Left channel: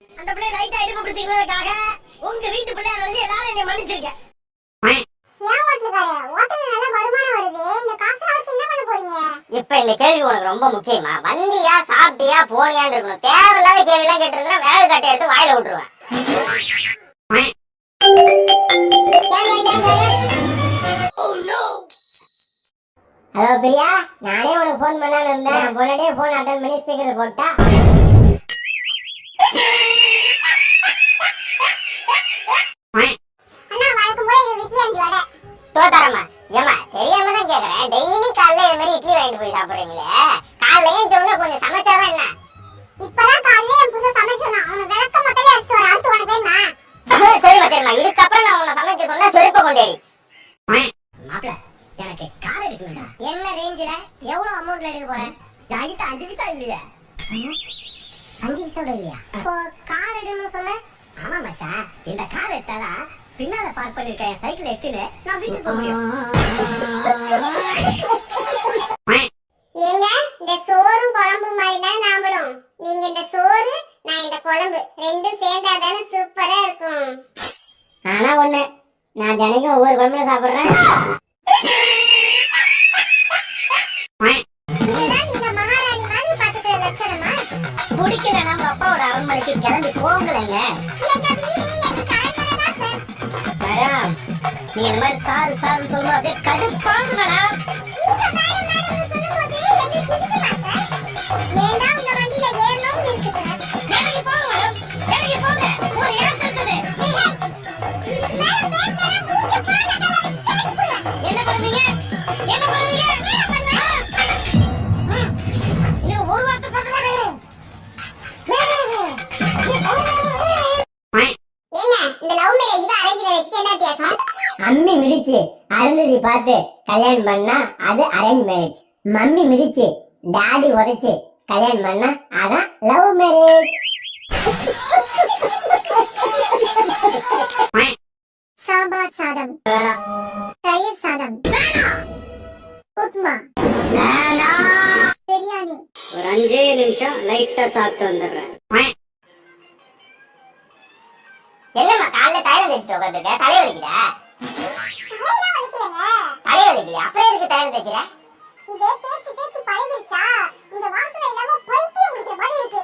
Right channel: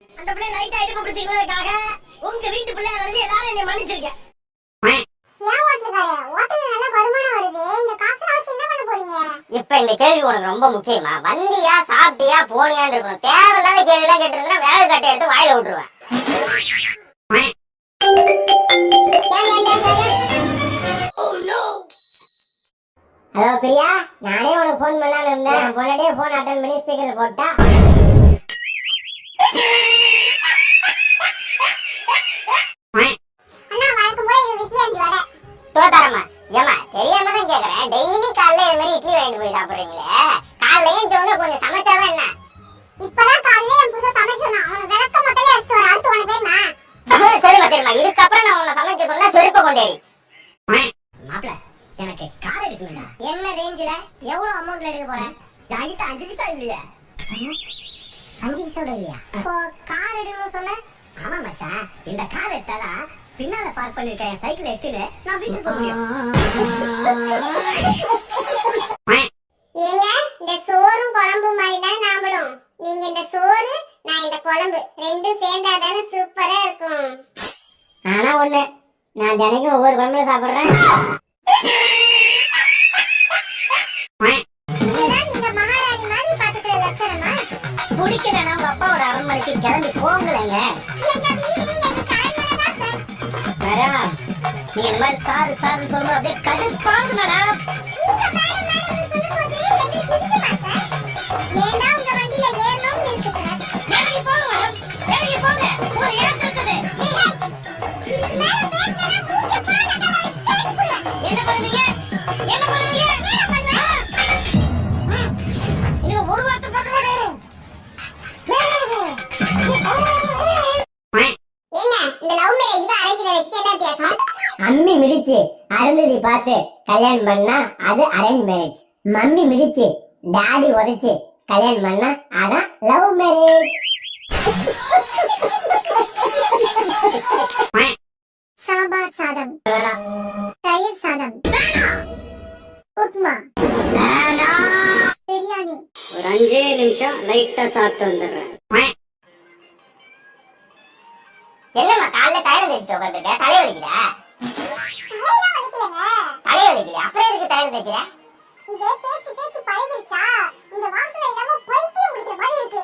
அந்த பிள்ளை லைட்டா இடுப்பு பிடிச்சிக்கிறதுக்காக உங்க வீட்டு பிள்ளை அழைச்சு எல்லாரும் என்னை மன்னிச்சிருக்கேன். இப்ப இந்த கேள்வி உனக்கு ரொம்ப முக்கியமா? வந்தியா சாப்பிட்டியா போனியான்னு இருக்கணும். தேவையில்லாத கேள்வி எல்லாம் கேட்டிருந்தா விறகு கட்டை எடுத்து வாயில விட்டுருவேன். ஹலோ பிரியா, நானே உனக்கு போன் பண்ணலான்னு இருந்தேன். பொண்ணே போன் அட்டன் பண்ணி ஸ்பீக்கர்ல போட்டா. தோத்தாரம்மா, ஏமா தெரியாம தான் கேக்குறேன். டெய்லி காலைல இது மாதிரி இட்லி வாங்கிட்டு போய் சாப்பிடுறீங்களே, காலையில சொன்னா கொஞ்சம் சமைச்சாதான் என்ன? இப்பதான் காலையில என் புருஷன் சமைச்சனா, அவன விளக்க மொத்தல அடிச்சு வர. அடுத்து உனக்கு வேணுமா? சரிம்மா சரிம்மா, இதுக்கப்புறம் நான் உன்னை சமைக்க சொன்னா செருப்ப கொண்டேடி. மாப்ள, எனக்கு கார் எடுக்கணும்டா. என்ன ரேஞ்சில எவ்வளவு அமௌண்ட்ல எடுக்க போறேன்? என்கிட்ட 5 பைசா இல்லையா? 5 பைசாவோட இல்லையா? இப்போ கார் எடுக்கணும்னு சொன்ன? ஆமா மச்சான், இந்த கார் எடுத்தாதான் பின்னால பார்க் பண்ணிருக்க என் சைக்கிள் எடுத்துன்னு நான் வீட்டுக்கு போக முடியும். ஏங்க, இந்த சோறும் குழம்பு மாதிரி தான் நாமளும். நீங்க இந்த சோறு, நான் இந்த குழம்பு ரெண்டும் சேர்ந்தாதானே சூப்பரா இருக்கும். ஆனா ஒண்ணு, நான் தினைக்கும் ஒவ்வொரு குழம்புல சாப்பிடுறேன். இதுதான் நீங்க மகாராணி மாதிரி பாத்துக்கிற லட்சணமா? பிடிக்கலன்னா உங்க அப்பாவோட அரண்மனைக்கு கிளம்பி போங்களேங்க. எங்க வீடு எங்க அரண்மனை தான் சார். மேடம், நீங்க இந்த மாதிரி சாரு சாருன்னு சொல்லும்போது அப்படியே கடுப்பாகுது மேடம். நீங்க மேடம் மேடம் சொல்லும்போது எங்களுக்கு இடிக்குமா சார்? ஏண்டா உங்க வண்டியில ஏறணும்னு இருக்கு சார். இறங்கி போங்க மேடம், இறங்கி போங்க. ஒரு இடம் இருக்குது. இதுக்கு மேல பேசினா மூஞ்சி பாலகல ஸ்டேஜ் புடுவேன். என்ன பண்ணுவீங்க? என்ன பண்ணுவீங்க? என்ன பண்ணுவேன்? இன்னும் ஒரு வார்த்தை பேச மாட்டேன். ஏங்க, இந்த லவ் மேரேஜ்க்கு அரேஞ்ச் மேரேஜ்க்கு என்ன வித்தியாசம்? அம்மி மிதிச்சு அருந்ததி பார்த்து கல்யாணம் பண்ணா அது அரேஞ்ச் மேரேஜ். மம்மி மிதிச்சு டாடி உதைச்சு கல்யாணம் பண்ணா அதான் லவ் மேரேஜ். சாம்பார் சாதம் வேணாம். தயிர் சாதம் வேணாம். உப்மா வேணாம். பிரியாணி ஒரு 5 நிமிஷம் லைட்டா சாப்பிட்டு வந்துடுறேன். என்னம்மா காலைல தைலம் தேய்ச்சிட்டு உட்காந்துருக்க? தலை வலிக்குதா? தலை வலிக்கல, அப்புறம் எதுக்கு தைலம் தேய்க்கிற? இது தேய்ச்சி தேய்ச்சி பழகிடுச்சா? இந்த வாசனை இல்லாம பைத்தியம் பிடிக்கிற மாதிரி இருக்கு.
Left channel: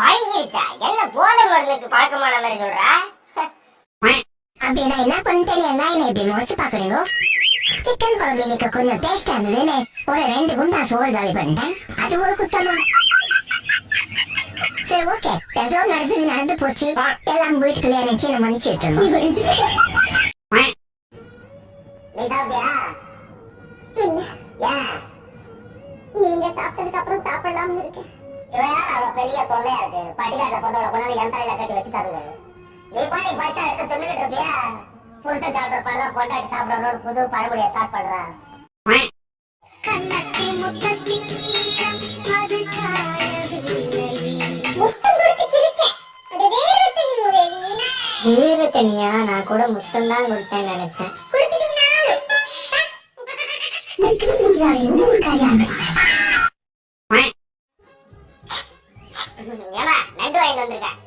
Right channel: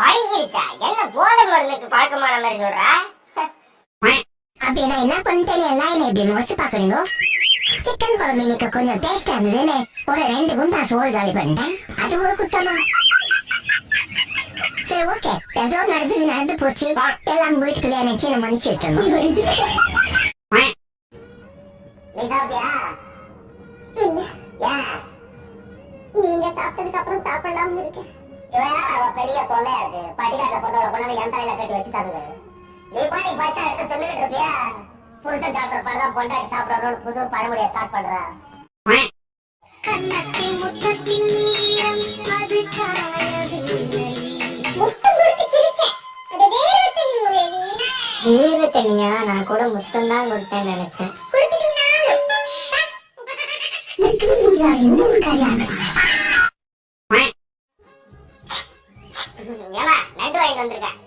பழகிடுச்சா? என்ன போதை மருந்துக்கு பழக்கமான மாதிரி சொல்ற? அப்படி நான் என்ன பண்ணிட்டேன்னு எல்லாம் என்ன இப்படி முறைச்சு பாக்குறீங்க? சிக்கன் குழம்பு இன்னைக்கு கொஞ்சம் டேஸ்டா இருந்ததுன்னு ஒரு 2 குண்டா சோறு காலி பண்ணிட்டேன். அது ஒரு குத்தமா? சரி ஓகே, ஏதோ நடந்தது நடந்து போச்சு. எல்லாம் வீட்டுக்குள்ளே நினைச்சு நம்ம மன்னிச்சு விட்டுறோம். நீ சாப்பிட்டியா? இல்ல. ஏன்? நீங்க சாப்பிட்டதுக்கு அப்புறம் சாப்பிடலாம்னு இருக்கேன். இவன் பெரிய தொல்லையா இருக்கு. பட்டிக்காட்டுல கொண்டவளை கொண்டாந்து என் தலையில கட்டி வச்சு தருங்க. நீ பாட்டி பைசா எடுத்து சொல்லிக்கிட்டு இருப்பியா? புருஷன் சாப்பிட்ற பாடுதான் பொண்டாட்டி சாப்பிடணும்னு புது பழமொழியை ஸ்டார்ட் பண்ற. கண்ணத்தில் முத்தத்தின் நீரம் அது காயவில்லை. முத்தம் கொடுத்து கிழிச்சேன். அது வேற தண்ணி முதேவி. வேற தண்ணியா? நான் கூட முத்தம் தான் கொடுத்தேன்னு நினைச்சேன். ஏமா நண்டு வாங்கிட்டு வந்திருக்கேன்.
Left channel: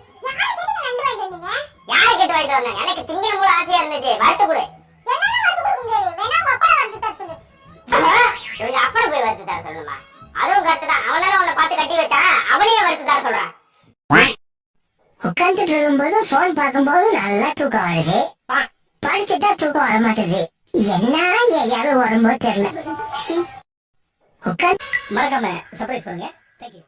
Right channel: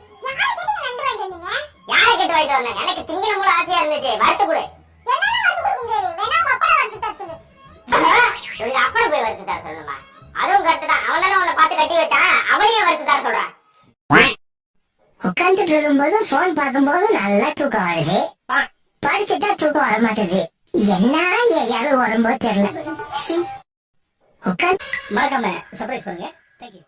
யாரை கேட்டு வாங்கிட்டு வரணும்? எனக்கு திங்கணும் போல ஆசையா இருந்துச்சு. வறுத்து கொடு. இவங்க அப்பனை போய் வறுத்து தர சொல்லணுமா? அதுவும் கரெக்ட் தான். அவன் தானே உன்னை பார்த்து கட்டி வச்சான், அவனையும் வறுத்து தர சொல்றான். உட்காந்துட்டு இருக்கும்போது போன் பார்க்கும்போது நல்லா தூக்கம் வருது. படிச்சுட்டா தூக்கம் வர மாட்டேது. என்ன ஏதாவது உடம்போ தெரியல. மறக்காம சர்ப்ரைஸ் பண்ணுங்க. தேங்க்யூ.